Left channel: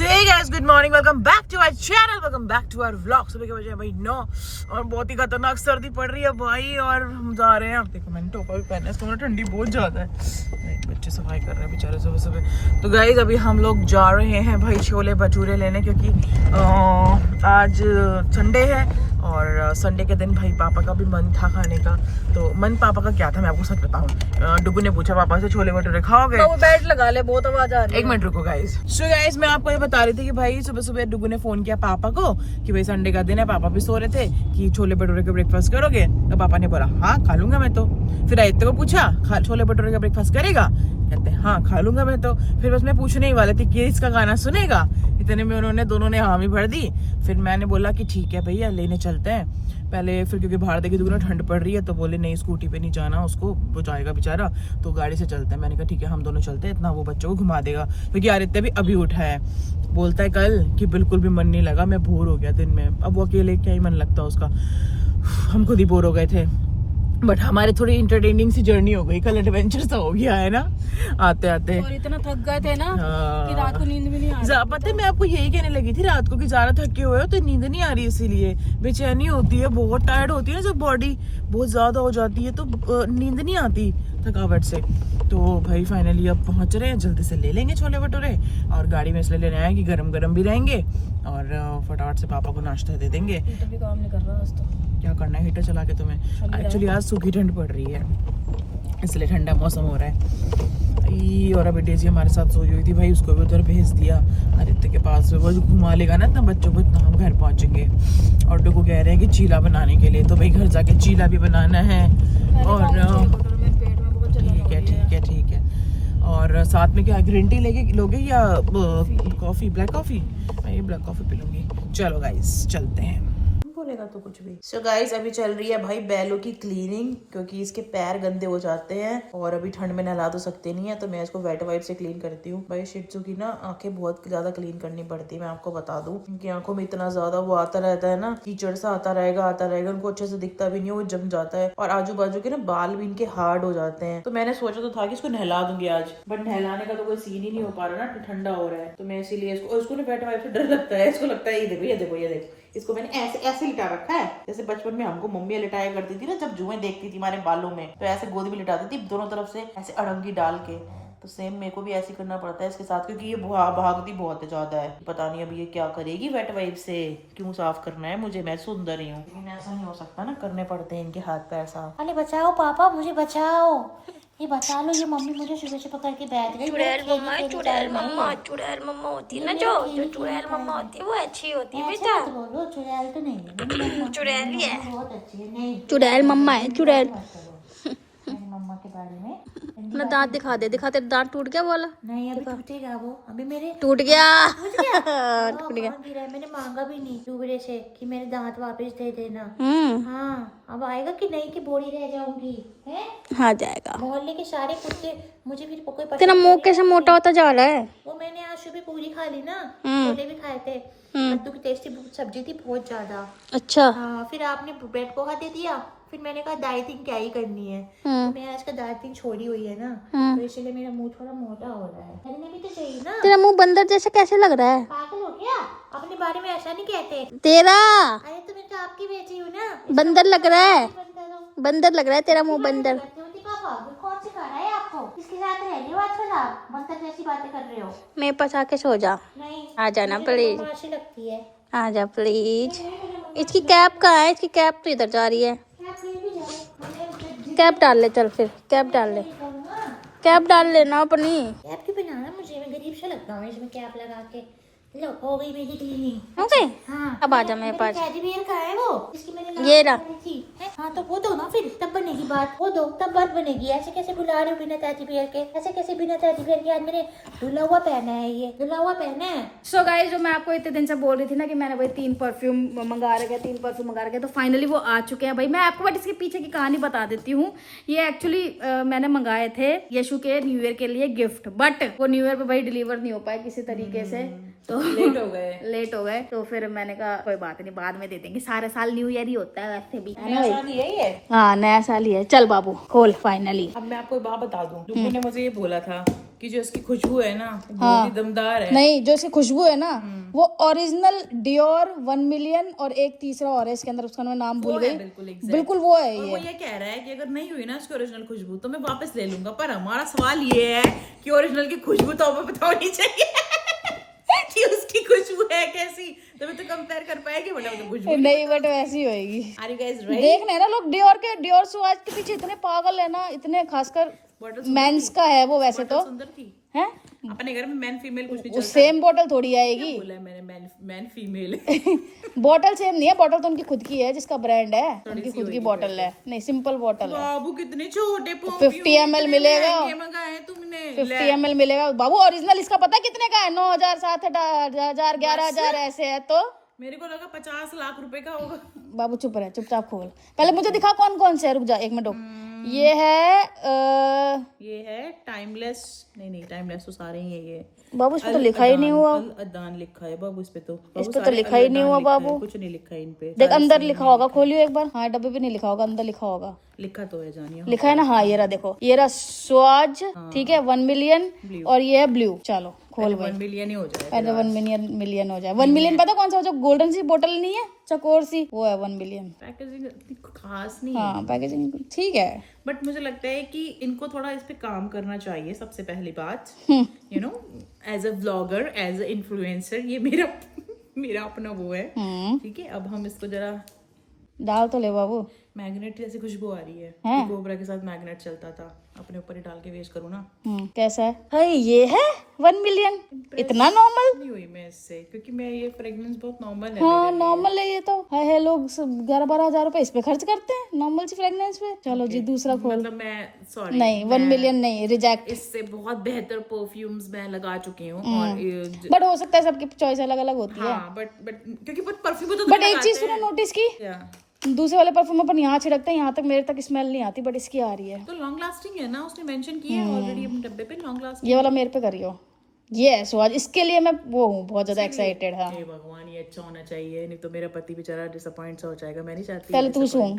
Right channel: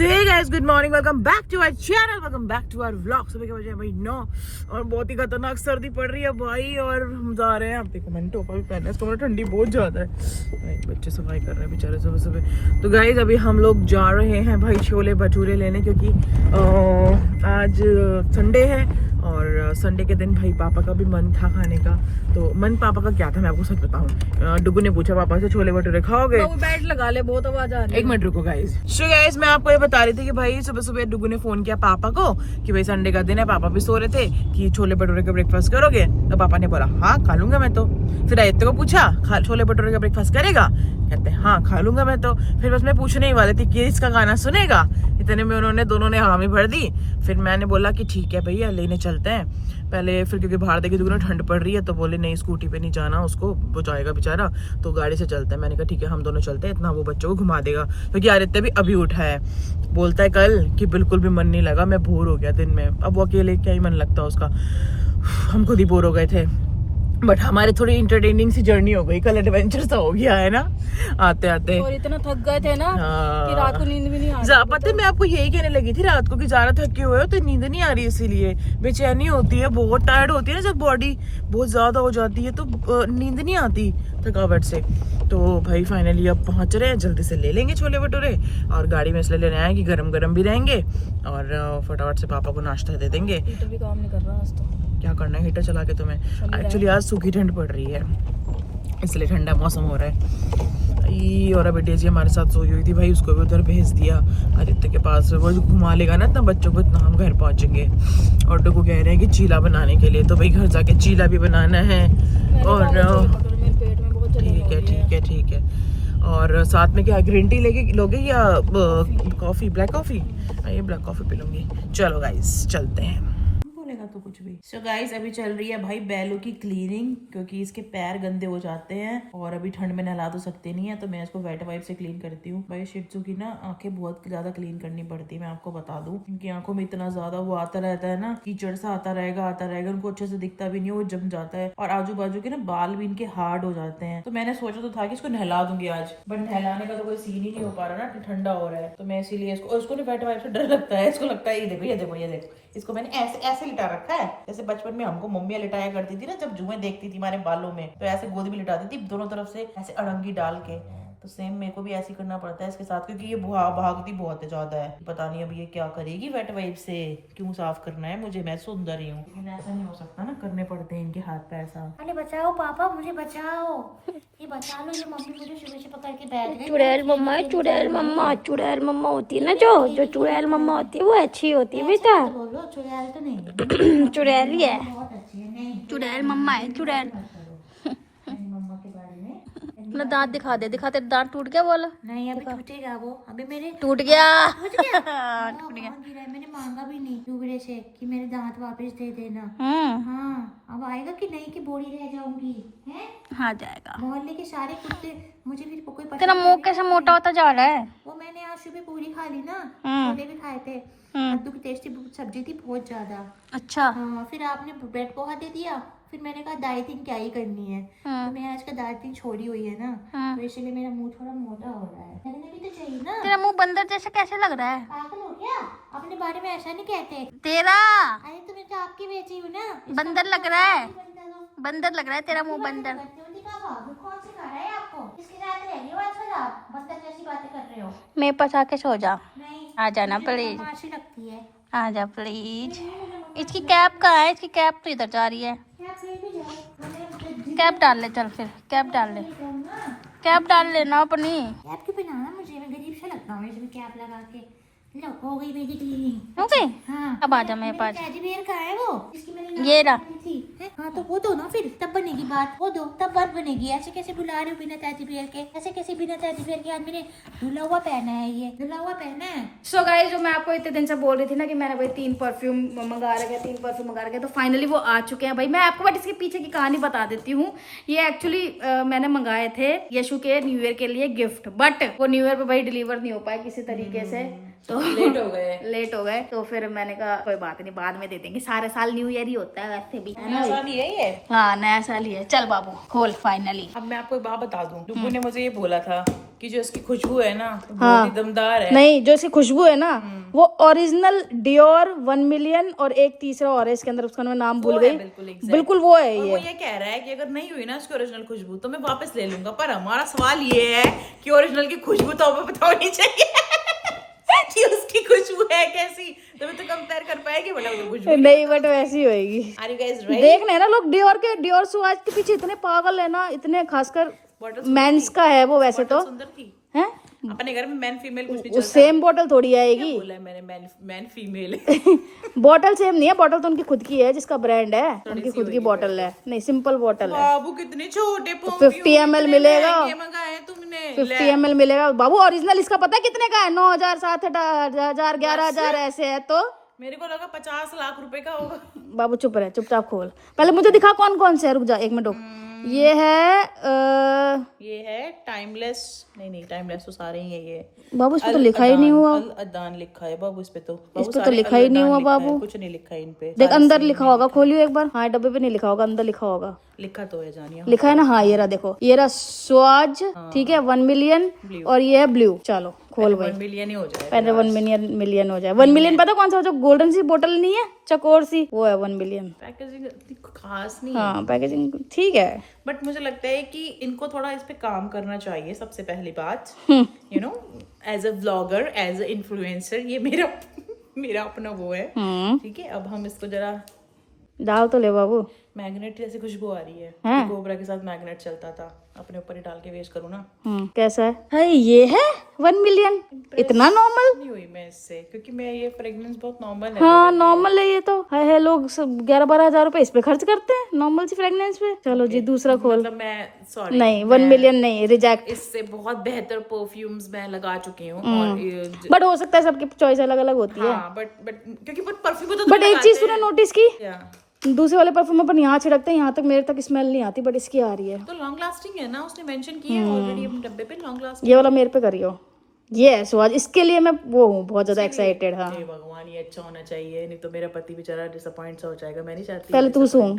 So hey guys, good morning, welcome back to our channel, welcome back to our vlog. सुबह के बजे भाई 9 और बहुत ही खतरनाक सर्दी पड़ रही है भाई। और हम जा रहे हैं, अब देखो मैंने टोपा भी पहना है, इसको ठंडी बहुत ज़्यादा है। बच्चे सफाई कर रहे हैं बेचारे सुबह सुबह। तो गाइस अभी हम लोग जा रहे हैं भाई छोले भटूरे लेने, क्योंकि आज संडे है और संडे के दिन भाई पापा का भी मन था खाने का। तो मन पापा का क्या था मैं आपको सच बताऊं, डुगू ने पूछा पापा से छोले भटूरे खाओगे? तो बेड लगा ले, बहुत आवाज आ रही है। एक मिनट रुको गाइस। सो गाइस मैं आपको ये बता रही थी कि भाई सुबह सुबह डुगू ने फोन किया पापा को कि भाई संडे का दिन है, पापा भी सो रहे थे, कि छोले भटूरे का ब्रेकफास्ट करोगे? तो पापा ने बोला हाँ खा लूंगा मैं तो। फिर आदित्य को पूछा छोले भटूरे का ब्रेकफास्ट करेगा? कहते हाँ खा लूंगा मैं तो। फिर बस मैं पूछने ही वाली थी कि इसका गाना सुनेगा, इतने में उन्होंने दोनों ने हामी भर दी। फिर मैंने बोला कि ठीक है भैया लेने चलते हैं पहले। फिर क्योंकि बाहर देखी दुगना ठंड पड़ रही है तो बोले नहीं स्कूटी पे नहीं जाना, उसको वो जाएगा बेचारा, तो गाड़ी से चलते हैं। मैंने कहा ठीक है हम दोनों चलते हैं, इतना वो बच्चों को घुमा देगा, क्योंकि आदित्य भी अभी उठा है। बोलता है कल कि बिल्कुल भी मन नहीं लगा, मैं बोर हो गया दिन में। अब वो अकेले क्या ही मन लगता उसका, हम खुद ही बोर हो गए थे। बट हमारी थोड़ी इंटरटेनिंग सी जर्नी हो गई, कल एडवेंचर सा हो गया है ना आते आते। और इतना थक गए थे ना हाँ। कि रात को नींद भी नहीं आ रही। पता है मैं आपको यही कहने लगी थी रात को कि ज्यादा थके हुए हो तो नींद नहीं आ रही, इसीलिए बेचैनी होती है, बहुत टायर्ड होती है ना, जब बॉडी बहुत ज्यादा हो जाती है तो नींद नहीं आती थकावट से। तो भाई फाइनली अब पहुंच रहे हैं, जल्दी से ले लेंगे छोले भटूरे और गाड़ी में इसलिए लेने आए कि गरम गरम भी रहेंगे और फटाफट से पापा को नाश्ता दे देंगे। हीटर भी काम नहीं कर रहा आज तो। क्या करना है हीटर चला के तुम्हें? एक्चुअली आज सूखी ठंड पड़ रही है इसलिए ठंडा मौसम हो रहा है। और अभी डेजी हमारे साथ सोई हुई थी भाई, उसको भी उधर भेज दिया आदित्य के पास। वो जो घुमा लेगा ना इतना बच्चों को, इतना हम घर पहुंचेंगे। और डुगू कह रहे हैं कि चीला बनाने के लिए, तो भाई घर जाके चीला भी बनाना है। और ठीक है। और साथ में क्या ग्रीन टी लोगे या कॉफी? Black coffee? ये ब्लैक कॉफी पी लूंगी। चलो गाइस चलते हैं। बोलेगा तो कुछ भी। सो गाइस अभी चल रही है भाई बैलों की क्लीनिंग, क्योंकि इसके पैर गंदे हो जाते हैं और अभी ठंड में नहला तो सकते नहीं है, तो मैं इसको वेट वाइप से क्लीन करती हूँ। भाई शिट्जू की ना आंखें बहुत ज्यादा क्लीन करनी पड़ती है, मैं आपको बता दूं। उनकी आंखों में इतना ज्यादा वो आता रहता है ना, कीचड़ सा आता रहेगा, उनको अच्छे से दिखता भी नहीं, वो जम जाता है। और आजू बाजू के ना बाल भी इनके हार्ड हो जाते हैं। तो मैंने सोचा तो था कि इसको नहला दूंगी आज, बट नहलाने का तो कोई सीन ही नहीं हो पा रहा ना, ठंडा हो रहा है। तो मैं इसीलिए इसको ना वेट वाइप से डर लगता है। इसको लगता है ये देखो इसको मैंने ऐसे लिटा रखा है, जैसे बचपन में हमको मम्मियाँ लिटाया करती थी ना, जब जुएं देखती थी हमारे बालों में तो ऐसे गोद में लिटाती थी दोनों तरफ से ऐसे अड़ंगी डाल के। तो सेम मेरे को भी ऐसे करना पड़ता है इसके साथ, क्योंकि ये भागती बहुत ज्यादा है। पता नहीं अब ये क्या करेगी वेट वाइप से, क्यों साफ करना है मुझे, मैं सुंदर ही हूँ, लेकिन ऐसा नहीं हो सकता ना, करने पड़ते हैं इनके हाथ पैर साफ। अरे बचाओ पापा, मुझे बचाओ, ये बचा लो, ये मम्मी मुझे सुबह से पकड़ के बैठ गई। चुड़ैल मम्मा होती है ना, जो चुड़ैल मम्मा होती है वो अच्छी होती है बेटा। बोलो चुड़ैल तो नहीं है, चुड़ैल ही है, बहुत अच्छी है। नहीं चुड़ैल मम्मा है, चुड़ैल। मम्मा के बारे में अपना दांत दिखा दे, तेरा दांत टूट गया बोला? नहीं अभी टूटेगा वो, अभी मेरे टूट गया। टूट गया। मैंने मांगा भी नहीं डूबरे से कि मेरे दांत वापस दे देना। हाँ अब आएगा कि नहीं कि बोरी रह जाऊंगी है? हाँ जाएगा। मोहल्ले के सारे कुत्ते मुझे भी कोई तेरा मुंह कैसे मोटा होता जा रहा है? वो मैंने आज सुबह पूरी खा ली ना, छोले भी खाए थे, कद्दू की टेस्टी सब्जी थी बहुत ज्यादा। अच्छा हाँ फिर आपने ब्रेड पोहा दे दिया, फिर मैंने कहा डाइटिंग क्या ही करनी है। तो मैं आज का डाइटिंग छोड़ी हुई है ना, तो इसलिए मेरा मुंह थोड़ा मोटा हो रहा है। करने भी तो चाहिए ना। तेरा मुंह बंदर जैसा कैसे लग रहा है? पागल हो क्या? अपने बारे में ऐसा नहीं कहते। तेरा अरे तो मैं तो आपकी बेटी हूँ ना। बंदर लग रहा है, बंदर लग रहा है तेरा मुंह, बंदर। पापा कौन सिखा रहा है आपको? किसके साथ रह रहे हो आजकल आप? बंदर जैसी बातें कर रहे हो। मेरे पास आके सो जा। नहीं आ जाना प्लीज, अच्छी लगती है। आ जा प्लीज। इसकी कैप कहाँ है? इसकी कैप तो इधर जा रही है। कैप डाल ले, चल फिर कैप डाल ले, कैप डाल लेना अपनी। कैप क्यों पहनाना मुझे? मैं गरीब सा लगता हूँ इसमें कैप लगा के। लो हो गई मेरी क्लीनिंग। हो गई? हाँ अब आ जा मेरे पास। टेडी बियर कहाँ है वो? इसकी मैंने ये रहा। हाँ तो वो दो ना, फिर तब बनेगी बात। वो दो तब बात बनेगी। ऐसे कैसे बुला रहे हो बिना टेडी बियर के? ऐसे कैसे बिना टेडी बियर के? आज मैंने धुला हुआ पहना है, ये धुला हुआ पहना है। सो गाइस जो मैं आपको इतने दिन से बोल रही थी ना कि मैंने भाई 3 परफ्यूम मंगा रखे, तो फाइनली वो आ चुके हैं भाई। मैं आपको बट इसके पीछे की कहानी बता देती हूँ। ये एक्चुअली मैंने मंगाए थे यशु के न्यू ईयर के लिए गिफ्ट, बट वो न्यू ईयर पे भाई डिलीवर नहीं हो पाए किसी तरीके से। तो लेट हो गए। लेट हो गए तो फिर मैंने कहा कोई बात नहीं, बाद में दे देंगे, सारे साल न्यू ईयर ही होता है वैसे भी, है ना भाई? साल ही है ये। हाँ नया साल ही है। चल बाबू खोल फाइनली। अब मैं आपको एक बात बता दूं, डुब्बू ने मुझे ये बोला था कि जो इसकी खुशबू है ना बहुत ही दमदार है। नहीं, जो इसकी खुशबू है ना वो ओरिजिनल डियोर 1 मिलियन और एक तीसरा और है इसके अंदर, उसका मैं नाम भूल गई। बिल्कुल वो है और वो ये कह रहा है कि अगर नहीं हुई ना उसकी ओरिजिनल खुशबू तो मैं वापस ले लूंगा, पर हमारा सवाल ये है कि ओरिजिनल की खुशबू तो हमें पता होनी चाहिए कि उसकी खुशबू है कैसी, तो मैं तो कंपेयर कर पाएगी बड़ा तो खुशबू नहीं, बट वैसी होएगी। Are you guys ready? देख रहे हैं ना लोग डियोर स्वाज के पीछे इतने पागल है ना, इतने खासकर मेंस का है वो, वैसे तो सुंदर थी। है अपने घर में मैन फीमेल कुछ नहीं चलता। सेम बोतल थोड़ी आएगी। बोला है मैंने मैन फीमेल बोतल सेम नहीं है, बोतल तो उनकी खुद की है जिसका ब्रांड है, उनकी खुद की बोतल है, नहीं सिंपल बोतल है। बाबू कितने छोटे 50 ml मिलेगा, मंगाए तुमने 50 ml मिलेगा बाबू। ओरिजिनल इसका पता है कितने का है? 9,000, 7,000, 11,000 ऐसे है। तो मेरे को लगा 50 लाख रुपए का होगा। बाबू चुप रहे, चुपचाप खोल। पहले मुझे दिखा कौन कौन से है, रुक जा 1 मिनट रुक। ये है टाइमलेस, नहीं टाइमलेस तो सारे ही है ये। बाबू इस पे तो लिखा ही नहीं हुआ। अल अदान लिखा है बाबू इस पे तो, बाबू इस पे तो सारे लिखा ही नहीं हुआ बाबू। कुछ नहीं लिखा है इन पे। देख अंदर लिखा होगा, खोलियो एक बार। हाँ डब्बे पे नहीं लिखा होगा, अंदर लिखा होगा। लिखा तो है जानिए, लिखा है ना, हाँ ये रहा देखो, ये रहा स्वाज, ठीक है 1 मिलियन, और ये है ब्लू। चलो खोल 1 मिलियन ही हो जाए। पहले 1 मिलियन हो जाए। 1 मिलियन पता कौन सा हो, जो गोल्डन सी बोतल नहीं है चकोर सी, वो है 1 मिलियन। पैकेजिंग इतनी खास नहीं है, हाँ पैकेजिंग ठीक है, बट मुझे लगता है कि इनको थोड़ा इस पे काम करना चाहिए। सबसे पहली बात you know as a vlogger, as a influencer, ये मेरा अपना वो है, ठीक है। अब हम इसको जरा डाल तो ले बाबू। मैग्नेट जैसी खुशबू आ रही है कि गोबरा के साथ मैग्नेट चलता था, अपने ऊपर ही डाल के वेस्ट करूँ ना। कैसा है? अरे ये है 1 मिलियन, इतना नॉर्मल नहीं हुई मैं इससे, क्योंकि मैं ये फ्रेग्रेंस बहुत नॉर्मल है। हाँ नॉर्मल है ये तो। है लोग सब 11-12 हजार रुपए इस पे खर्च करते हैं नॉर्मल सी फ्रेग्रेंस पे। चलो जी दूसरा खोल। मतलब मैं सॉरी नहीं 1 मिलियन नहीं, रिजेक्ट। इससे बहुत बेहतर परफ्यूम्स मैं लगा चुकी हूँ और बट हो सकता है सबकी चॉइस अलग अलग होती है। हाँ बट क्योंकि परफ्यूम तो बट एक चीज तूने नोटिस की, या दूसरे वाले परफ्यूम अपन यहाँ छिड़कते हैं, यहाँ तक मेरे तक स्मेल नहीं आती, बट इसकी आ रही है। तो लॉन्ग लास्टिंग है ना, उसने मेंशन किया है ऑलरेडी अपने डब्बे पे लॉन्ग लास्टिंग। ये वाला मेरे पे करियो, ये है स्वाद, इसके लिए मैं वो हूँ बहुत ज्यादा एक्साइटेड। हाँ हे भगवान ये अच्छा होना चाहिए, नहीं तो मेरा पति बेचारा डिसअपॉइंट सा हो जाएगा। मैं नहीं चाहती पहले तू सुन,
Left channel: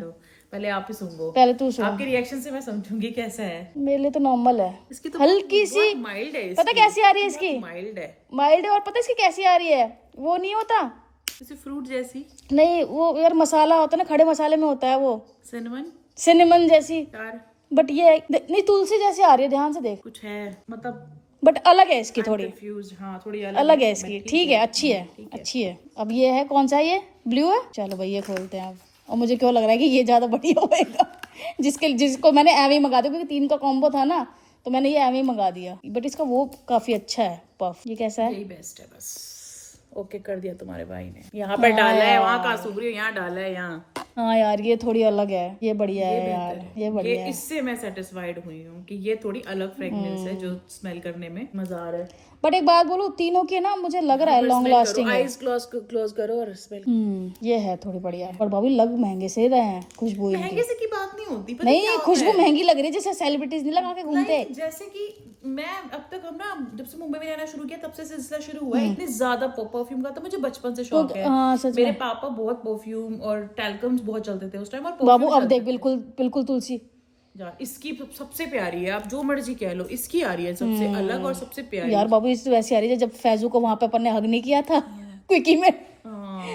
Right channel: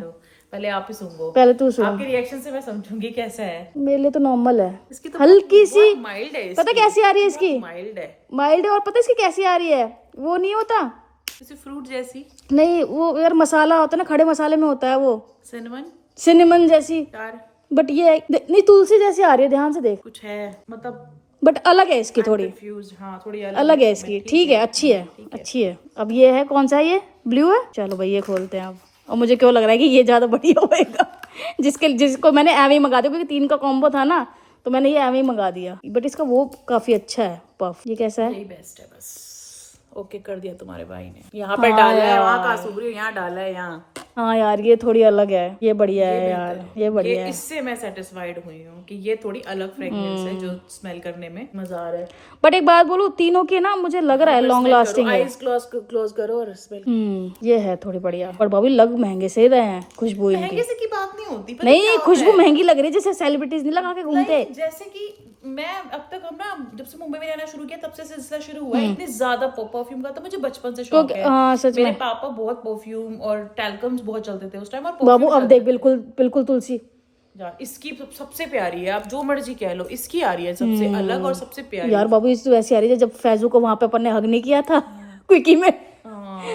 पहले आप ही सुनो, पहले तू सुन। आपके रिएक्शन से मैं समझूंगी कैसा है। मेरे लिए तो नॉर्मल है, इसकी तो हल्की सी माइल्ड है। पता कैसी आ रही है इसकी? माइल्ड है, माइल्ड है। और पता इसकी कैसी आ रही है? वो नहीं होता, जैसे फ्रूट जैसी, नहीं वो यार मसाला होता है ना, खड़े मसाले में होता है वो, सिनेमन जैसी यार। बट ये नहीं तुलसी जैसी आ रही है, ध्यान से देख। कुछ है मतलब, बट अलग है इसकी थोड़ी, कंफ्यूज। हाँ थोड़ी अलग है इसकी, ठीक है अच्छी है, अच्छी है। अब ये है कौन सा, ये ब्लू है। चलो भाई ये खोलते हैं अब। और मुझे क्यों लग रहा है कि ये ज्यादा बढ़िया होगा, जिसको मैंने एम ही मंगा दिया, क्योंकि 3 का कॉम्बो था ना, तो मैंने ये एम ही मंगा दिया। बट इसका वो काफी अच्छा है पफ। ये कैसा है? यही बेस्ट है बस। ओके कर दिया तुम्हारे भाई ने, यहाँ पर डाला है, वहाँ का सूख रही हो, यहाँ डाला है, यहाँ। हाँ यार ये थोड़ी अलग है, ये बढ़िया है यार, ये बढ़िया है। इससे मैं सेटिस्फाइड हुई हूँ कि ये थोड़ी अलग फ्रेग्रेंस है जो स्मेल करने में मजा आ रहा है। बट एक बात बोलूं, तीनों की ना मुझे लग रहा है लॉन्ग लास्टिंग है। आईज क्लोज करो और स्मेल। ये है थोड़ी बढ़िया। पर भाभी लग महंगे से रहे हैं, खुशबू इनकी। महंगे से की बात नहीं होती, पता नहीं क्या होता खुशबू है? महंगी लग रही है, जैसे सेलिब्रिटीज नहीं लगा के घूमते। नहीं, जैसे कि मैं अब तक, हम ना जब से मुंबई में रहना शुरू किया तब से सिलसिला शुरू हुआ है। इतने ज्यादा परफ्यूम का तो मुझे बचपन से शौक है। हाँ सच मेरे पापा बहुत परफ्यूम और टैल्कम्स बहुत चलते थे उस टाइम, और बाबू अब देख बिल्कुल तुलसी यार इसकी सबसे प्यारी है, आप जो मर्जी कह लो, इसकी आ रही है सबसे अलग और सबसे प्यारी। यार बाबू इससे वैसी आ रही है जब फैजू को वहां पे अपन ने हग नहीं किया था क्विकी में,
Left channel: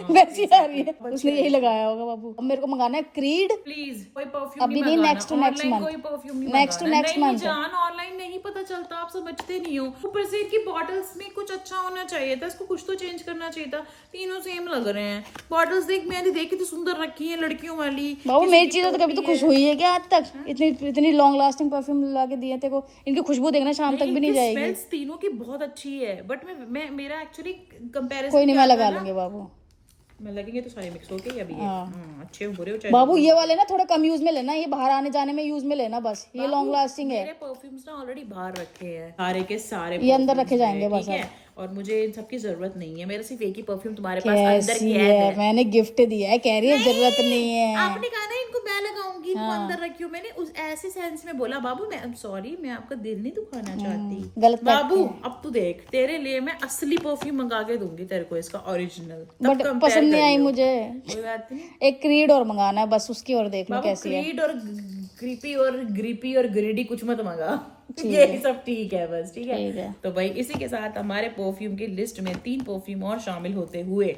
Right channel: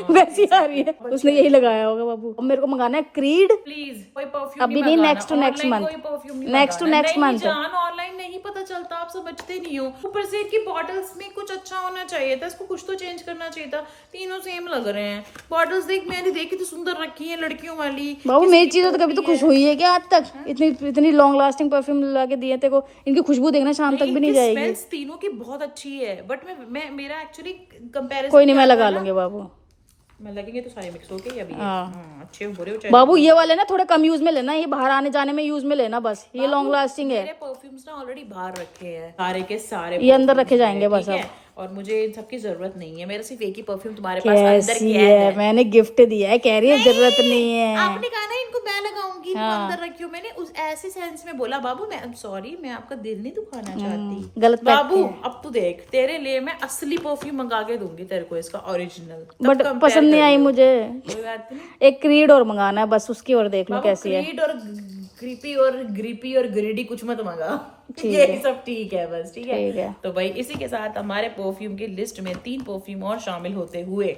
वैसी आ रही है। उसने यही लगाया होगा बाबू। अब मेरे को मंगाना है क्रीड, प्लीज कोई परफ्यूम अभी नहीं, नेक्स्ट टू नेक्स्ट मंथ, कोई परफ्यूम नहीं नेक्स्ट टू नेक्स्ट मंथ। जान ऑनलाइन नहीं पता चलता, आप समझते नहीं हो। ऊपर से इनकी बॉटल्स में कुछ अच्छा होना चाहिए था, इसको कुछ तो चेंज करना चाहिए था। तीनों सेम लग रहे हैं बॉटल्स। देख मैंने देखी तो सुंदर रखी है लड़कियों वाली। बाबू मेरी चीजों तो कभी तो खुश हुई है क्या आज तक? इतनी लॉन्ग लास्टिंग परफ्यूम ला के दिए थे को, इनकी खुशबू देखना शाम तक भी नहीं जाएगी। स्मेल्स तीनों की बहुत अच्छी है, बट मैं मेरा एक्चुअली कंपैरिजन कोई नहीं, मैं लगा लूंगी बाबू, मैं लगेंगे तो सारे मिक्स होके अभी अच्छे हो बुरे हो चाहे। बाबू ये वाले ना थोड़े कम यूज में लेना, ये बाहर आने जाने में यूज में लेना बस। ये लॉन्ग लास्टिंग है। मेरे परफ्यूम्स ना ऑलरेडी बाहर रखे हैं सारे के सारे, ये अंदर रखे जाएंगे बस। ठीक है, और मुझे इन सब की जरूरत नहीं है। मेरा सिर्फ एक ही परफ्यूम तुम्हारे पास अंदर कैसी कैद है? है। मैंने गिफ्ट दिया है, कह रही है जरूरत नहीं है। आपने कहा ना इनको मैं लगाऊंगी, इनको अंदर रखी हूँ। मैंने उस ऐसे सेंस में बोला बाबू मैं सॉरी, मैं आपका दिल नहीं दुखाना चाहती। गलत बाबू अब तू देख, तेरे लिए मैं असली परफ्यूम मंगा के दूंगी तेरे को, इसका ओरिजिनल। बट पसंद नहीं आई मुझे। कोई बात नहीं एक क्रीड और मंगाना है बस, उसकी और देख लो बाबू, कैसी है। क्रीड और ग्रीपी और ग्रीडी कुछ मत मंगा, ये सब ठीक है बस, ठीक ठीक है। है। तो भाई इसी के साथ हमारे परफ्यूम की लिस्ट में 3 परफ्यूम और शामिल होते हुए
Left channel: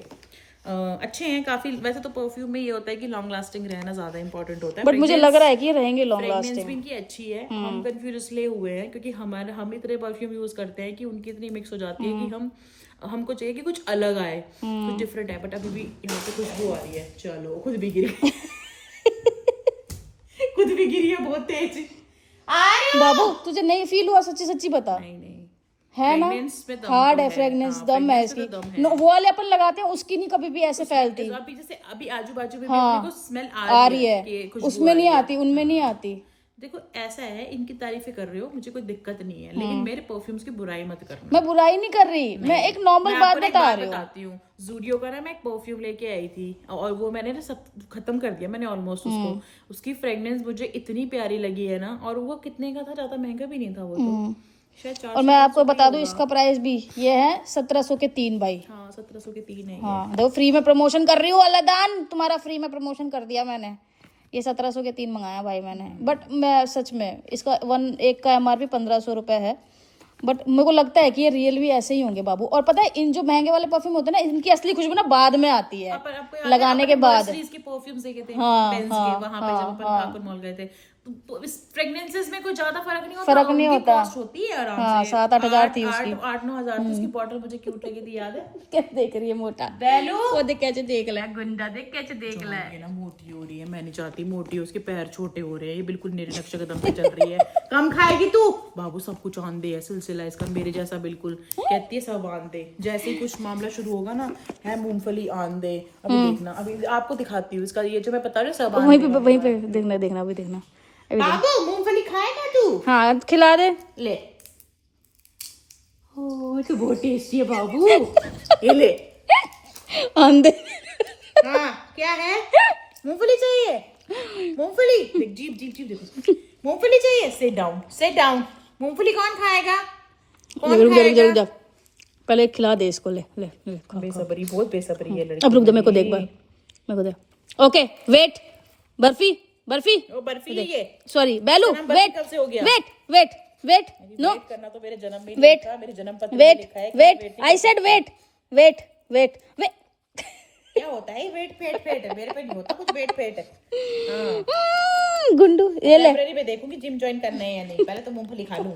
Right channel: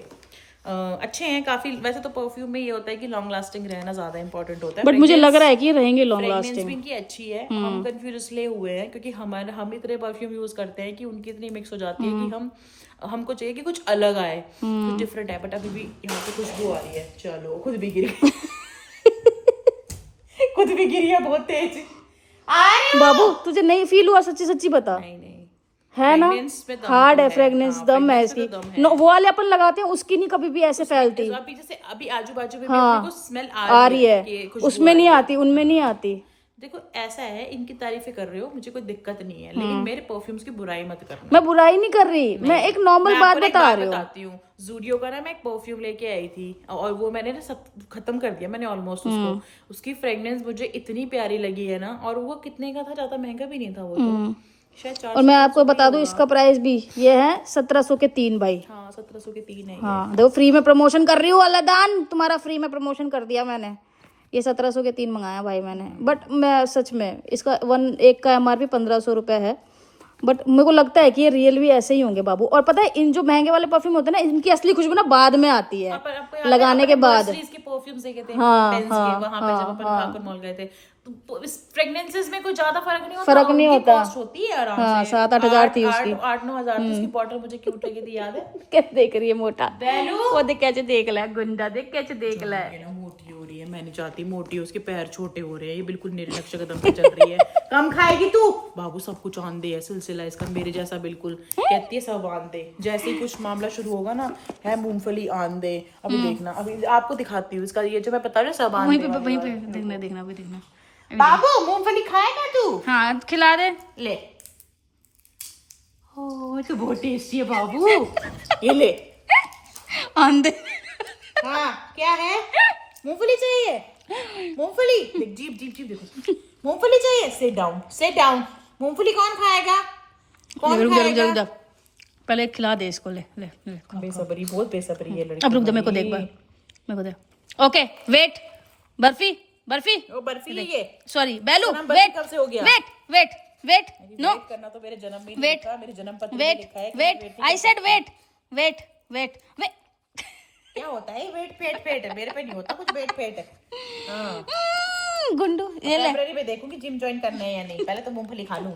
अच्छे हैं काफी। वैसे तो परफ्यूम में ये होता है कि लॉन्ग लास्टिंग रहना ज्यादा इंपॉर्टेंट होता है, बट मुझे लग रहा है कि ये रहेंगे लॉन्ग फ्रेग्रेंस लास्टिंग। भी इनकी अच्छी है। हम कंफ्यूज इसलिए हुए हैं क्योंकि हम इतने परफ्यूम यूज करते हैं कि उनकी इतनी मिक्स हो जाती है कि हमको चाहिए कि कुछ अलग आए, कुछ डिफरेंट है। बट अभी भी यहाँ पे खुशबू आ रही है। चलो, खुद भी गिरी खुद भी गिरी है बहुत तेज। बाबू तुझे नहीं फील हुआ? सच्ची सच्ची बता। नहीं नहीं है ना, Fragrance में दम हार्ड तो है है। फ्रेग्रेंस, हाँ, दम है fragrance इसकी। में तो दम है। नो, वो वाले अपन लगाते हैं उसकी नहीं कभी भी ऐसे फैलती। तो अभी जैसे अभी आजू बाजू में भी अपने को स्मेल आ रही कि है, खुशबू उसमें आ नहीं रही है। आती, उनमें नहीं आती। देखो ऐसा है, इनकी तारीफें कर रहे हो, मुझे कोई दिक्कत नहीं है, लेकिन मेरे परफ्यूम्स की बुराई मत करना। मैं बुराई नहीं कर रही, मैं एक नॉर्मल मैं बात आपको एक बता बात रही हूँ। बताती हूँ। जूडियो का ना मैं एक परफ्यूम लेके आई थी और वो मैंने ना सब खत्म कर दिया मैंने ऑलमोस्ट उसको। उसकी फ्रेग्रेंस मुझे इतनी प्यारी लगी है ना, और वो कितने का था, ज्यादा महंगा भी नहीं था वो तो, शायद 400। और मैं आपको बता दूं इसका प्राइस भी ये है 1700 के 3 भाई। हाँ 1700 के 3 है ये। हाँ देखो, फ्री में प्रमोशन कर रही हूँ, अल्लादान तुम्हारा फ्री में प्रमोशन कर दिया मैंने। ये 1700 के 3 मंगाया भाई मैंने। बट मैं सच में इसका एक का MRP 1500 रुपए है। बट मेरे को लगता है कि ये रियल भी ऐसे ही होंगे बाबू। और पता है इन जो महंगे वाले परफ्यूम होते हैं ना, इनकी असली खुशबू ना बाद में आती है, लगाने के बाद। के परफ्यूम्स देखे थे हाँ, पेंस हाँ, के वहां पे, जब अपन ठाकुर मॉल गए थे, तो इस फ्रेग्रेंसेस में कोई ज्यादा फर्क नहीं होता। फर्क नहीं उनकी होता। कॉस्ट होती है आराम हाँ, से 7-8 हज़ार थी उसकी। 8-9 हज़ार थी उसकी बॉटल। मुझे क्यूट लगी थी, याद है? क्या देख रही है मोटा बैलू वो देख कैसे देख ला, गुंडा देख कैसे देख ला। ये ना मोटी हो रही है, मैं नहीं चाहती मोटी हो, उसके पैर छोटे हो रहे हैं, ये बिल्कुल मेरे नक्शे कदम पे चल रही है। कम खाएगी तू बाबू, सब कुछ आन दे है सिलसिला इसका मेरे जैसा बिल्कुल। कहती है सब आन दे, जैसे ही कुछ मामला शुरू होगा ना है मूंगफली आन दे। अभी देखना, अभी आपको दिखाती हूँ इसका, ये जो मैं बता रही हूँ सब आन दे। वहीं पे देखना देखना अभी देखना। बाबू मूंगफली खाएगा तू? हाँ खिला दे। ले, ओ तो बहुत टेस्टी है बाबू, ये ले। आंधे हाँ क्या है? मूंगफली चाहिए? मूंगफली देख, जीप जीप जीप देखो, मूंगफली चाहिए? Sit down, sit down. मूंगफली कौन खाएगा? रुक जा रुक जा रुक जा, पहले खिला दे इसको। ले ले ले खा। बेसब्री, बहुत बेसब्री है लड़की। अब रुक जा, मेरे को देख बार, मेरे को दे। ओके वेट, बर्फी बर्फी वो बर्फी है ये। सॉरी बैलू, बर्फी वेट कब से हो गया? Wait wait wait no wait करना तो मेरे जन्म में वेट लिखा, मेरे जन्म पत्र में वेट लिखा है कि wait, I said wait wait wait wait. क्या होता है वेट पेट पेट है, मेरे पे नहीं होता कुछ वेट पेट है। गुंडू ये ले। लाइब्रेरी में देखूंगी जिम ज्वाइन करना है या नहीं, पहले तो मूंगफली खा लूं,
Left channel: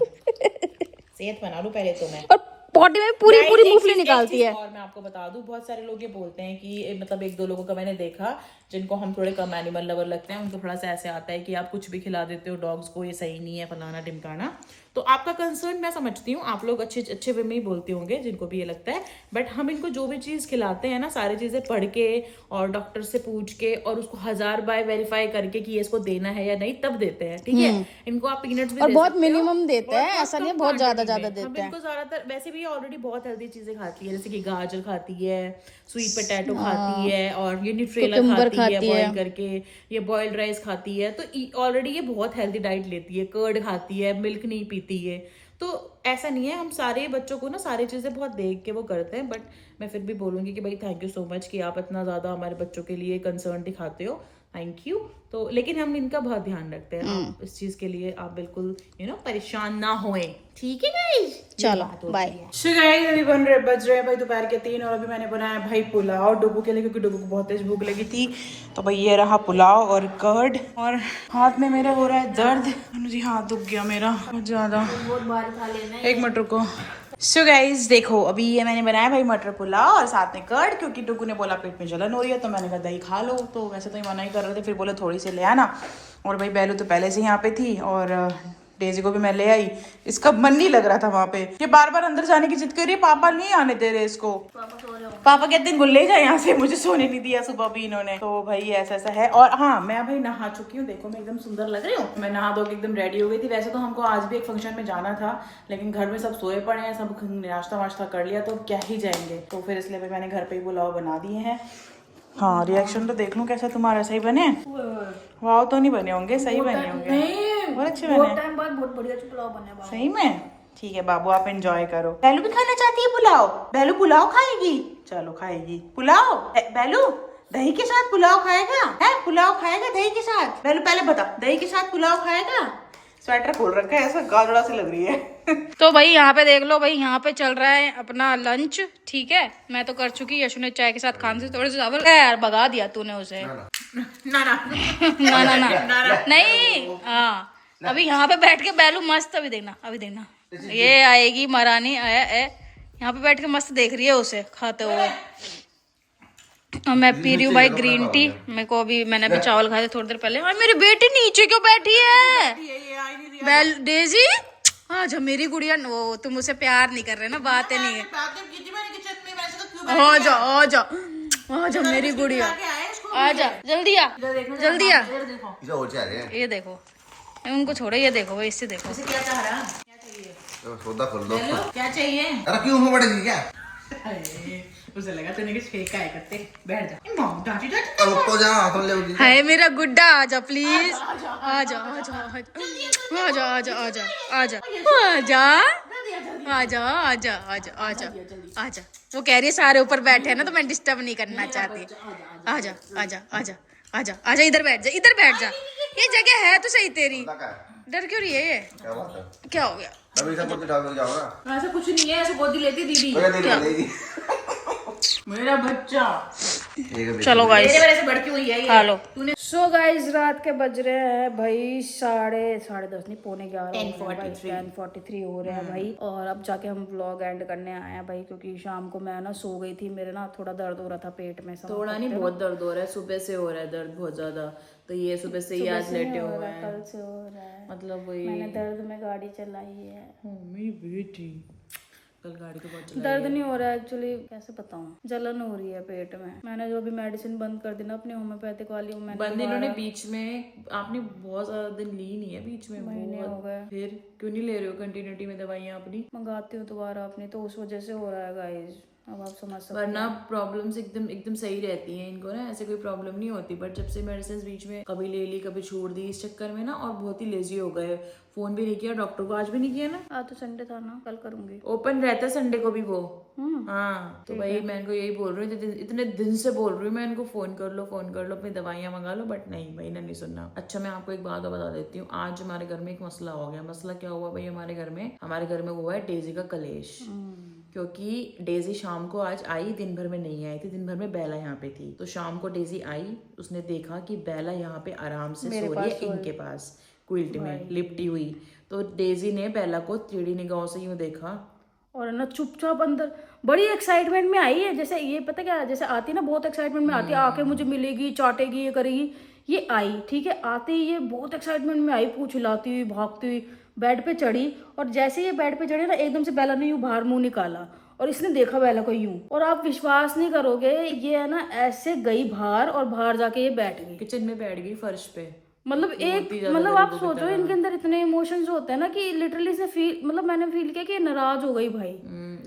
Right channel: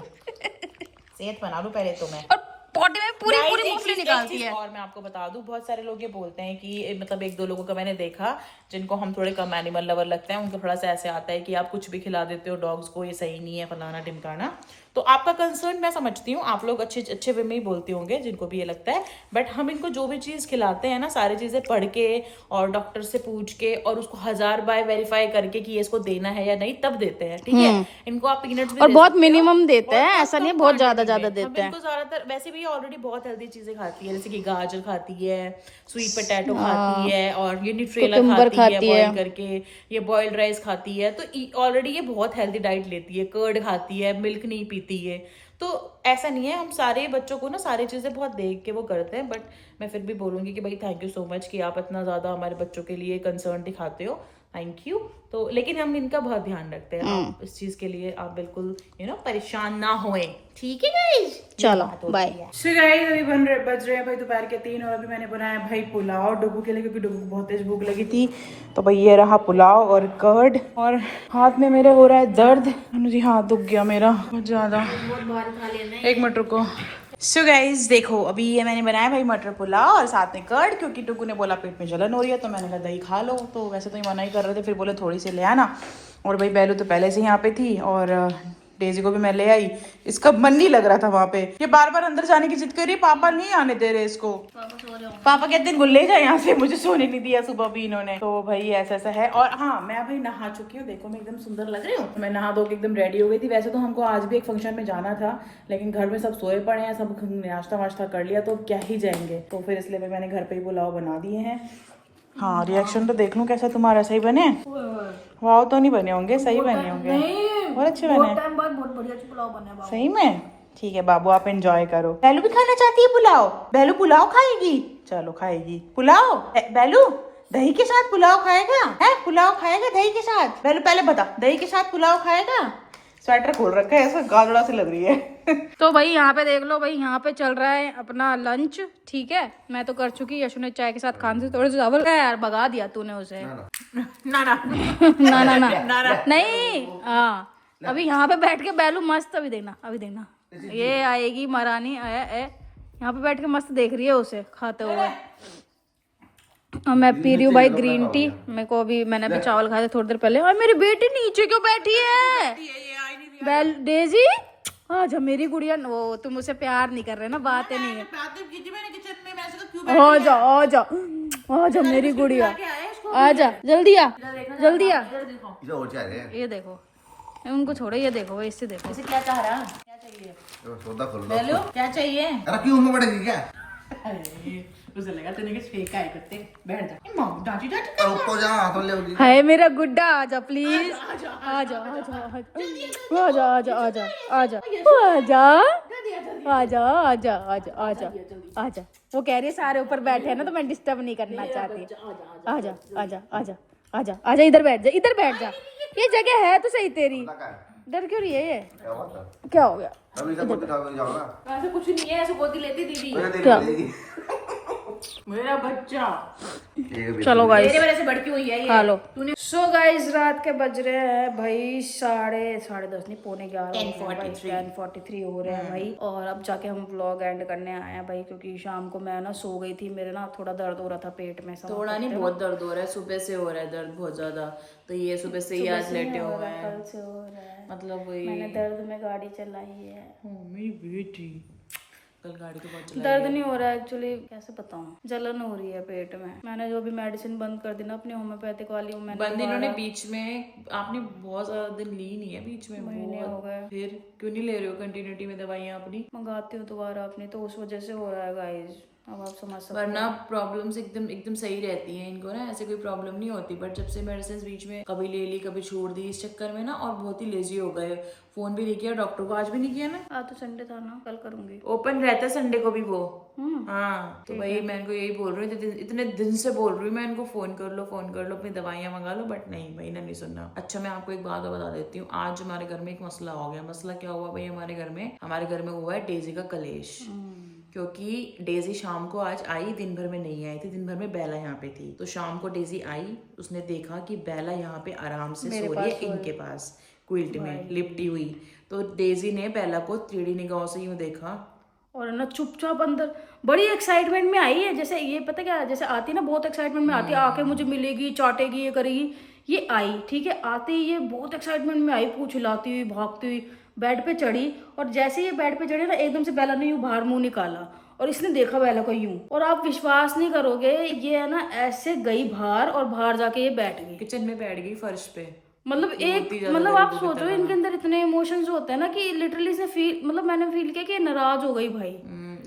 सेहत बना लूं पहले तो मैं। और पॉटी में पूरी Guys, पूरी एक मूंगफली चीज- एक निकालती चीज है। और मैं आपको बता दूं, बहुत सारे लोग ये बोलते हैं कि मतलब 1-2 लोगों का मैंने देखा जिनको हम थोड़े कम एनिमल लवर लगते हैं, उनको थोड़ा सा ऐसे आता है कि आप कुछ भी खिला देते हो डॉग्स को, ये सही नहीं है, फलाना ढिमकाना। तो आपका कंसर्न मैं समझती हूँ, आप लोग अच्छे अच्छे वे में ही बोलते होंगे जिनको भी ये लगता है। बट हम इनको जो भी चीज खिलाते हैं ना, सारी चीजें पढ़ के और डॉक्टर से पूछ के और उसको 1000 बार वेरीफाई करके कि ये इसको देना है या नहीं, तब देते हैं, ठीक है? इनको आप पीनट्स भी और दे बहुत सकते हो, मिनिमम देते और हैं, बहुत ऐसा कम नहीं है बहुत ज्यादा quantity ज्यादा में। हम देते हैं। इनको ज्यादातर वैसे भी ऑलरेडी बहुत हेल्दी चीजें खाती है, जैसे कि गाजर खाती है, स्वीट पोटैटो खाती है, और ये न्यूट्रेला कुकुम्बर खाती है खाती है। बॉईल करके, ये बॉइल्ड राइस खाती है। तो ऑलरेडी ये बहुत हेल्दी डाइट लेती है, कर्ड खाती है, मिल्क नहीं पीती है। तो ऐसा नहीं है, हम सारे बच्चों को ना सारी चीजें बहुत देख के वो करते हैं। बट मैं फिर भी बोलूंगी कि भाई थैंक यू सो मच कि आप इतना ज्यादा हमारे बच्चों के लिए कंसर्न दिखाते हो, थैंक यू। तो लेकिन हम इनका बहुत ध्यान रखते हैं, आप इस चीज के लिए आप बिल्कुल परेशान ना होएं, ठीक है गाइस? चलो बाय। सो गाइस अभी बज रहे हैं भाई दोपहर के 3 और अभी मैंने बनाया भाई पुलाव डुगू के लिए, क्योंकि डुगू को बहुत तेज भूख लगी थी। तो भाई ये रहा पुलाव और कर्ड, और हाथ में मेरे हो रहा है दर्द, जी हाथ दुख गया मेरा बहुत ज्यादा। एक मिनट रुको। सो गाइस देखो, अभी ये मैंने बनाया भाई मटर पुलाव और साथ में कर्ड, क्योंकि डुगू ने बोला पेट में जलन हो रही है, तो मैंने कहा दही खा लो। तो वैसे तो ये मना ही कर रहे थे, फिर बोले थोड़ी सी ले आना। और भाई बैलू तो पहले से यहाँ पे थी, और डेजी को भी मैं ले आई, इसका मन नहीं लग रहा था वहाँ पे, ये बार बार अंदर जाने की जिद कर रही है, पापा नहीं आने दे रहे इसको। पापा कहते हैं ले जाए यहाँ से, मुझे सोने नहीं दिया सुबह भी इन्होंने। तो भाई ऐसा ऐसा है। और हाँ, मैं भाई नहा चुकी हूँ, देखो मैं एकदम सुंदर लग रही हूँ। मैं नहा धो के एकदम रेडी हो गई थी। वैसे तो हमको आज भी एक फंक्शन में जाना था, लेकिन घर में सब सोए पड़े हैं, सब नाश्ता वाश्ता कर लिया, तो क्या ही जाएंगे। तो फिर इसलिए भाई मैंने घर पे ही पुलाव बना दिए हैं। हाँ, रिएक्शन तो देख लूं कैसा तुम्हारा, सही बने? वाव तो नहीं बने होंगे, सही बने होंगे, बहुत अच्छे बने। टाइम बाद बहुत बढ़िया पुलाव बने बाबू। सही में? ठीक है बाबू, आप एंजॉय करो। बेलू भी खाना चाहती है पुलाव? बेलू पुलाव खाएगी? चलो खाएगी पुलाव। बेलू दही के साथ पुलाव खाएगा? है पुलाव खाएगा दही के साथ? बेलू पहले बता, दही के साथ पुलाव खाएगा? स्वेटर खोल रखा है, ऐसा गाजड़ा सी लग रही है। तो भाई यहाँ पे देख लो भाई, यहाँ पे चल रहा है अपना लंच। ठीक है, मैं तो कर चुकी, यशु ने चाय के साथ खाने से थोड़े से चावल यार भगा दिया तूने उसे। ना नहीं, हाँ अभी यहाँ पे बैठ के बैलू मस्त, अभी देखना अभी देखना, ये आएगी महारानी यहाँ पे बैठ के मस्त देख रही है उसे खाते हुए। और मैं पी रही हूँ भाई ग्रीन टी। मेरे को अभी, मैंने अभी चावल खाए थे थोड़ी देर पहले। और मेरी बेटी नीचे क्यों बैठी है? डेजी आजा मेरी गुड़िया। वो तुम उसे प्यार नहीं कर रहे ना, बातें नहीं है। आजा आजा आजा मेरी गुड़िया, आजा जल्दी आ, जल्दी आ। ये देखो, उनको छोड़ो, ये देखो भाई, इससे देखो क्या चाह रहा है? सौदा खोल दो। क्या चाहिए? अरे क्यों मुंह पड़ेगी क्या? उसे लगा तूने कुछ फेंका है, करते बैठ जा। डांटी डांटी रुको जा, हाथ में ले होगी। हाय मेरा गुड्डा, आजा प्लीज, आजा आजा आजा आजा आजा आजा आजा आजा आजा आजा आजा आजा। वो कह रही है सारे ऊपर बैठे हैं ना, तो मैं डिस्टर्ब नहीं करना चाहती। आजा आजा आजा आजा आजा, इधर बैठ जा, इधर बैठ जा, ये जगह है तो सही तेरी। डर क्यों रही है ये? क्या हो गया? अभी सब कुछ उठा के जाओगा। ऐसा कुछ नहीं है, ऐसे गोदी लेती दीदी। क्या? मेरा बच्चा। चलो गाइस, मेरे वजह से बढ़ती हुई है ये। खा लो। सो गाइस, रात के बज रहे हैं भाई साढ़े 10:30 नहीं, 11:45 10:43 हो रहे हैं भाई। और अब जाके हम व्लॉग एंड करने आए हैं भाई, क्योंकि शाम को मैं ना सो गई थी, मेरे ना थोड़ा दर्द हो रहा था पेट में। थोड़ा नहीं, बहुत दर्द हो रहा है, सुबह से हो रहा है दर्द बहुत ज्यादा। तो ये सुबह से ही आज लेटे हुए हैं, कल से हो रहा है, मतलब वही। मैंने दर्द में गाड़ी चलाई है। मेरी बेटी कल गाड़ी तो बहुत चलाई। दर्द नहीं हो रहा है एक्चुअली, कैसे बताऊं, जलन हो रही है पेट में। मैंने जो अभी मेडिसिन बंद कर दी ना अपनी होम्योपैथिक वाली, मैंने बंद इन्होंने बीच में, आपने बहुत ज्यादा दिन ली नहीं है बीच में, महीने हो गए। फिर क्यों नहीं ले रहे हो कंटिन्यूटी में दवाइयाँ अपनी? मंगाती हूँ दोबारा अपनी, तो उस वजह से हो रहा है गाइस, अब आप समझ सकते हो। वरना प्रॉब्लम्स एकदम एकदम सही रहती हैं इनको ना, ऐसे कोई प्रॉब्लम नहीं होती। बट जब से मेडिसिन बीच में कभी ले ली कभी छोड़ दी, इस चक्कर में ना और बहुत ही लेजी हो गए। फोन भी नहीं किया डॉक्टर को, आज भी नहीं किया ना। आज तो संडे था ना, कल करूंगी। ओपन रहता है संडे को भी वो। हाँ, तो भाई मैं इनको यही बोल रही हूँ, इतने दिन से बोल रही हूँ मैं इनको, फोन कर लो अपनी दवाइयाँ मंगा लो, बट नहीं भाई, नहीं सुनना। अच्छा, मैं आपको एक बात बता देती हूँ, आज हमारे घर में एक मसला हो गया। मसला क्या हुआ भाई? हमारे घर में हुआ है डेजी का कलेश। क्योंकि डेजी शाम को आज आई, दिन भर में नहीं आई थी, दिन भर में बेला यहाँ पे थी। तो शाम को डेजी आई, उसने देखा कि बेला यहाँ पे आराम से सो रही है इनके पास क्विल्ट में लिपटी हुई। तो डेजी ने बेला को टेढ़ी निगाहों से यूं देखा और ना चुपचाप अंदर बड़ी एक्साइटमेंट में आई है, जैसे ये पता क्या, जैसे आती है ना बहुत एक्साइटमेंट में आती है, आके मुझे मिलेगी, चाटेगी, ये करेगी। ये आई, ठीक है, आते ही ये बहुत एक्साइटमेंट में आई, पूछ हिलाती हुई भागती हुई बेड पे चढ़ी। और जैसे ये बेड पे चढ़ी ना, एकदम से बेला ने यूं बाहर मुंह निकाला और इसने देखा बेला को यूं, और आप विश्वास नहीं करोगे, ये है ना ऐसे गई बाहर और बाहर जाके ये बैठ गई, किचन में बैठ गई फर्श पे। मतलब आप सोचो इनके अंदर इतने इमोशंस होते हैं ना कि लिटरली से फील, मतलब मैंने फील किया कि नाराज हो गई भाई।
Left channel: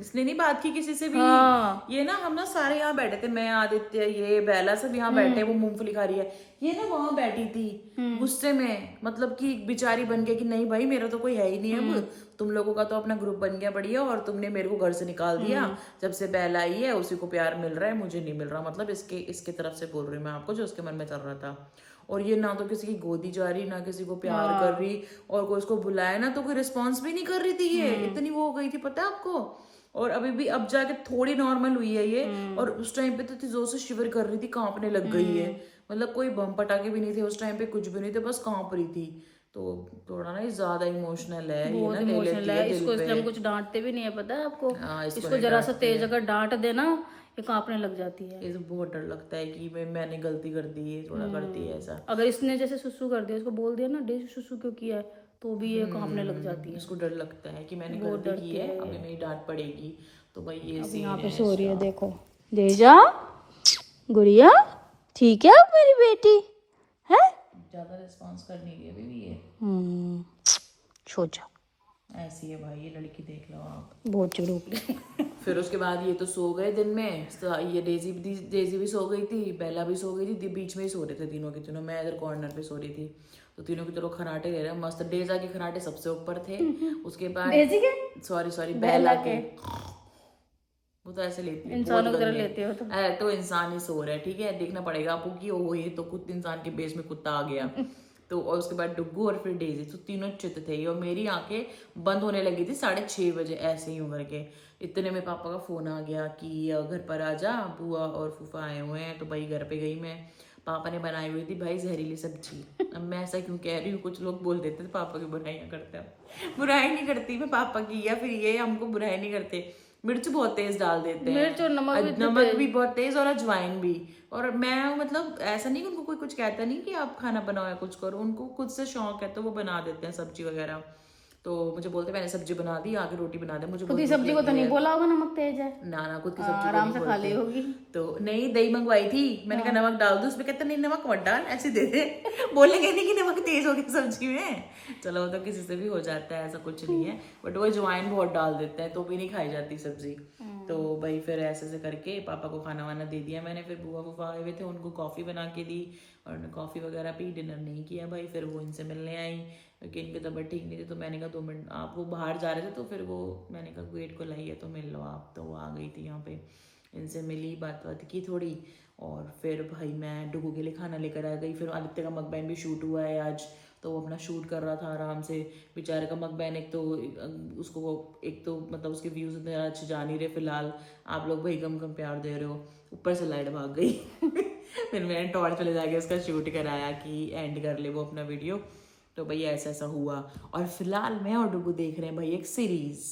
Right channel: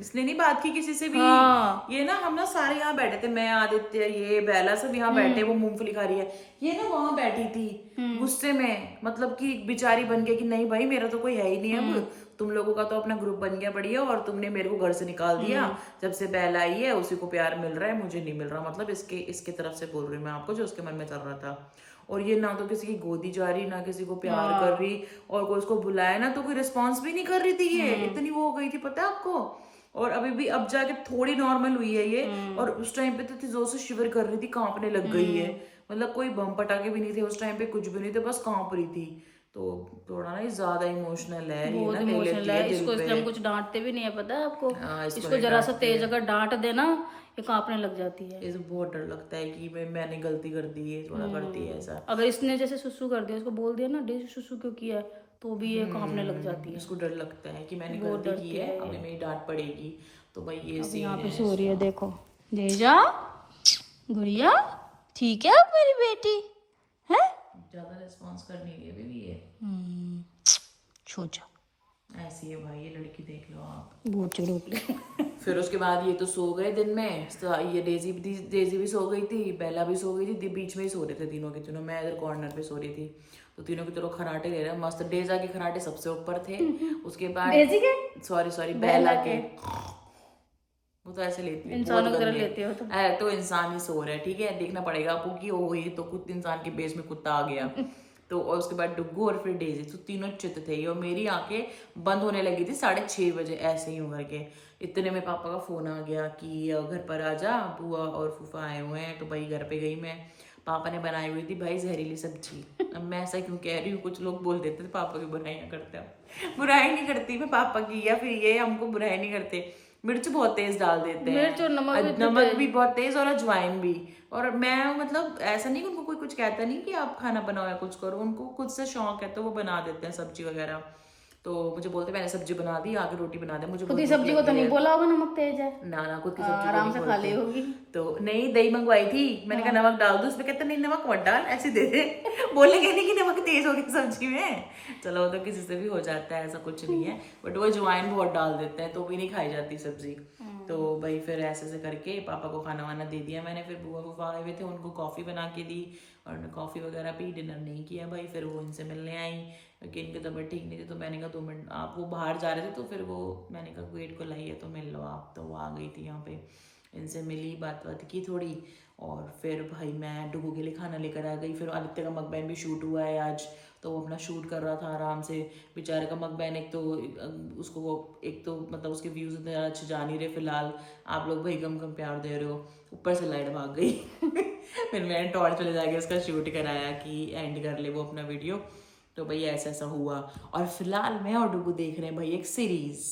इसने नहीं बात की किसी से भी। हाँ। ये ना हम ना सारे यहाँ बैठे थे, मैं, आदित्य, ये बेला, सब यहाँ बैठे। वो मूंगफली खा रही है, ये ना वहां बैठी थी गुस्से में, मतलब कि बिचारी बन के कि नहीं भाई मेरा तो कोई है ही नहीं है, तुम लोगों का तो अपना ग्रुप बन गया बढ़िया, और तुमने मेरे को घर से निकाल दिया। जब से बेला आई है उसी को प्यार मिल रहा है, मुझे नहीं मिल रहा। मतलब इसके तरफ से बोल रही हूँ मैं आपको, जो उसके मन में चल रहा था। और ये ना तो किसी की गोदी जा रही, ना किसी को प्यार कर रही, और कोई उसको बुलाया ना तो कोई रिस्पॉन्स भी नहीं कर रही थी। ये इतनी वो हो गई थी, पता है आपको। और अभी भी अब जाके थोड़ी नॉर्मल हुई है ये, और उस टाइम पे तो जोर से शिवर कर रही थी, कांपने लग गई है। मतलब कोई बम पटाखे भी नहीं थे उस टाइम पे, कुछ भी नहीं थे, बस कांप रही थी। तो थोड़ा ना ज्यादा इमोशनल है, ये ना ले लेती है दिल इसको, इसलिए हम पे। कुछ डांटते भी नहीं है, पता है आपको। इसको इसको जरा सा तेज अगर डांट देना, ये कांपने लग जाती है। इसे बहुत डर लगता है कि मैंने गलती कर दी है, थोड़ा करती है ऐसा। अगर इसने जैसे सुसु कर दिया, इसको बोल दिया ना डे सुसु क्यों किया है, तो भी ये कांपने लग जाती है। इसको डर लगता है कि मैंने गलती की है, अभी मेरी डांट पड़ेगी। तो भाई ये अब सीन यहाँ पे है। सो रही है, देखो। देजा, गुड़िया, ठीक है अब मेरी बेटी है। ज्यादा रिस्पॉन्स कर नहीं रही है अभी भी ये, सोचा ऐसी है भाई ये लड़की, देख लो आप। बहुत चिड़ूक। फिर उसके बाद ये तो सो गए दिन में, तो ये डेजी भी सो गई थी, बेला भी सो गई थी, बीच में ही सो रहे थे तीनों के तीनों। मैं इधर कॉर्नर पे सो रही थी, तो तीनों के चलो खराटे ले रहे हैं मस्त। डेजा के खराटे सबसे ऊपर थे, उसके बाद डेजी के, सॉरी बेला के। वो तो ऐसे लेती है, इंसानों की बहुत तरह गंदे। लेते हो तो। तो इंसान ही सो रहा है, ठीक है, देखना पड़ेगा आपको कि वो ही तो कुछ इंसान के बेस में कुत्ता आ गया। तो और उसके बाद डुग्गू और फिर डेजी, तो तीनों चित थे। और मेरी आंखें बंद होने लगी थी 6:30 बजे, ऐसे ही होकर के। इतने में पापा का फोन आ गया कि घर पर आ जा, बुआ और फूफा आए हुए हैं। तो भाई घर पे गई मैं। पापा ने बनाई हुई थी भाई जहरीली सब्जी। अब मैं ऐसा क्यों कह रही हूँ, कुछ लोग बोल देते थे पापा की बुराइयां करते हो। बुराई नहीं करती मैं पापा की, या फिर ये हमको बुराई नहीं करते। मिर्च बहुत तेज डाल देते हैं, मिर्च और नमक भी बहुत तेज, और अजवाइन भी। और मैं मतलब ऐसा नहीं कि उनको कोई कुछ कहता नहीं कि आप खाना बनाओ या कुछ करो, उनको खुद से शौक है तो वो बना देते हैं सब्जी वगैरह। तो मुझे बोलते मैंने सब्जी बना दी, आके रोटी बना दे। मुझे खुद की सब्जी को तो नहीं बोला होगा नमक तेज है, ना खुद की सब्जी आराम से खा ली होगी। तो नहीं, दही मंगवाई थी, मैंने कहा नमक डाल दो, उसमें कहते नहीं नमक मत डाल, ऐसे दे दे। बोलेंगे नहीं कि नमक तेज हो गया सब्जी में। चलो वो तो किसी से भी हो जाता है, ऐसा कुछ नहीं है। बट वो अजवाइन बहुत डाल देते हैं तो भी नहीं खाई जाती सब्जी। तो भाई फिर ऐसे करके पापा को खाना वाना दे दिया मैंने। फिर बुआ फूफा आए हुए थे, उनको कॉफ़ी बना के दी और कॉफ़ी वगैरह पी, डिनर नहीं किया भाई। फिर वो इनसे मिलने आई क्योंकि इनकी तबीयत ठीक नहीं थी। तो मैंने कहा 2 मिनट, आप वो बाहर जा रहे थे तो फिर वो मैंने कहा वेट को लाइए तो मिल लो आप। तो वो आ गई थी यहाँ पे, इनसे मिली, बात की थोड़ी। और फिर भाई मैं डुगू के लिए खाना लेकर आ गई। फिर आदित्य का मकबैन भी शूट हुआ है आज, तो वो अपना शूट कर रहा था आराम से। बेचारे का मकबैन एक तो मतलब उसके व्यूज़ इतने ज़्यादा अच्छे जा नहीं रहे फिलहाल। आप लोग भाई कम प्यार दे रहे हो, ऊपर से लाइट भाग गई। फिर मैंने टॉर्च ले जाके उसका शूट कराया कि एंड कर ले वो अपना वीडियो। तो भाई ऐसा हुआ। और फिलहाल मैं और डुगू देख रहे हैं भाई एक सीरीज।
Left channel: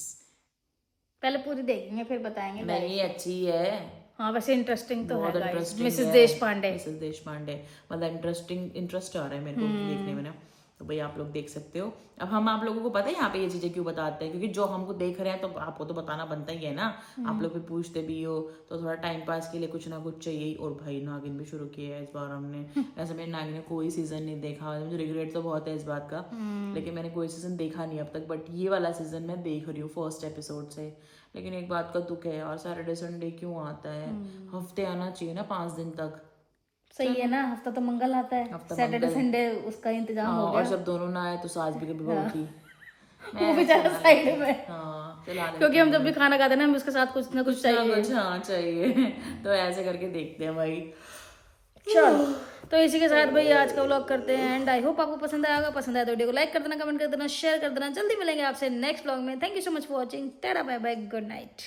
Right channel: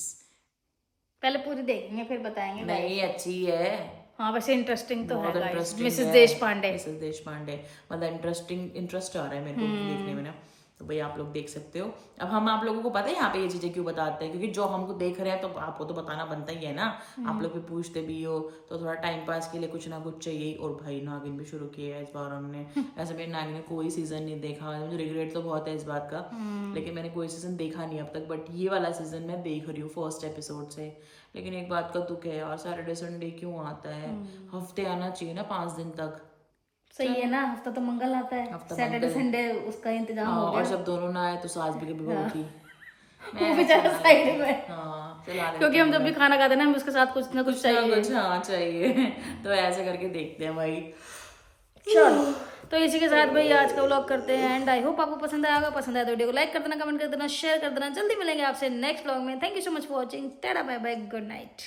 पहले पूरी देखेंगे फिर बताएंगे। नहीं अच्छी है, हाँ वैसे इंटरेस्टिंग तो है बहुत गाइस। इंटरेस्टिंग मिसेस है। देशपांडे, मिसेस देशपांडे मतलब इंटरेस्ट आ रहा है मेरे को देखने में ना। तो भाई आप लोग देख सकते हो। अब हम आप लोगों को पता है यहाँ पे ये चीजें क्यों बताते हैं, क्योंकि जो हमको देख रहे हैं तो आपको तो बताना बनता ही है ना। आप लोग भी पूछते भी हो, तो थोड़ा टाइम पास के लिए कुछ ना कुछ चाहिए। और भाई नागिन भी शुरू किया है इस बार हमने। वैसे मैंने नागिन का कोई सीजन नहीं देखा, मुझे रिग्रेट तो बहुत है इस बात का, लेकिन मैंने कोई सीजन देखा नहीं अब तक। बट ये वाला सीजन मैं देख रही हूँ फर्स्ट एपिसोड से। लेकिन एक बात का दुख है यार, सैटरडे संडे क्यों आता है? हफ्ते आना चाहिए ना 5 दिन तक। सही है ना, हफ्ता तो मंगल आता है, सैटरडे संडे उसका इंतजाम हो गया। और जब दोनों ना आए तो सास भी कभी बहू थी। वो बेचारा साइड में, हाँ चला क्योंकि हम जब भी खाना खाते हैं ना हमें उसके साथ कुछ ना कुछ चाहिए। कुछ हाँ चाहिए। तो ऐसे करके देखते हैं भाई। चलो तो इसी के साथ भाई आज का व्लॉग करते हैं एंड। आई होप आपको पसंद आया होगा। पसंद आया तो वीडियो को लाइक कर देना, कमेंट कर देना, शेयर कर देना। जल्दी मिलेंगे आपसे नेक्स्ट व्लॉग में। Thank you so much for watching. Tata bye bye, good night.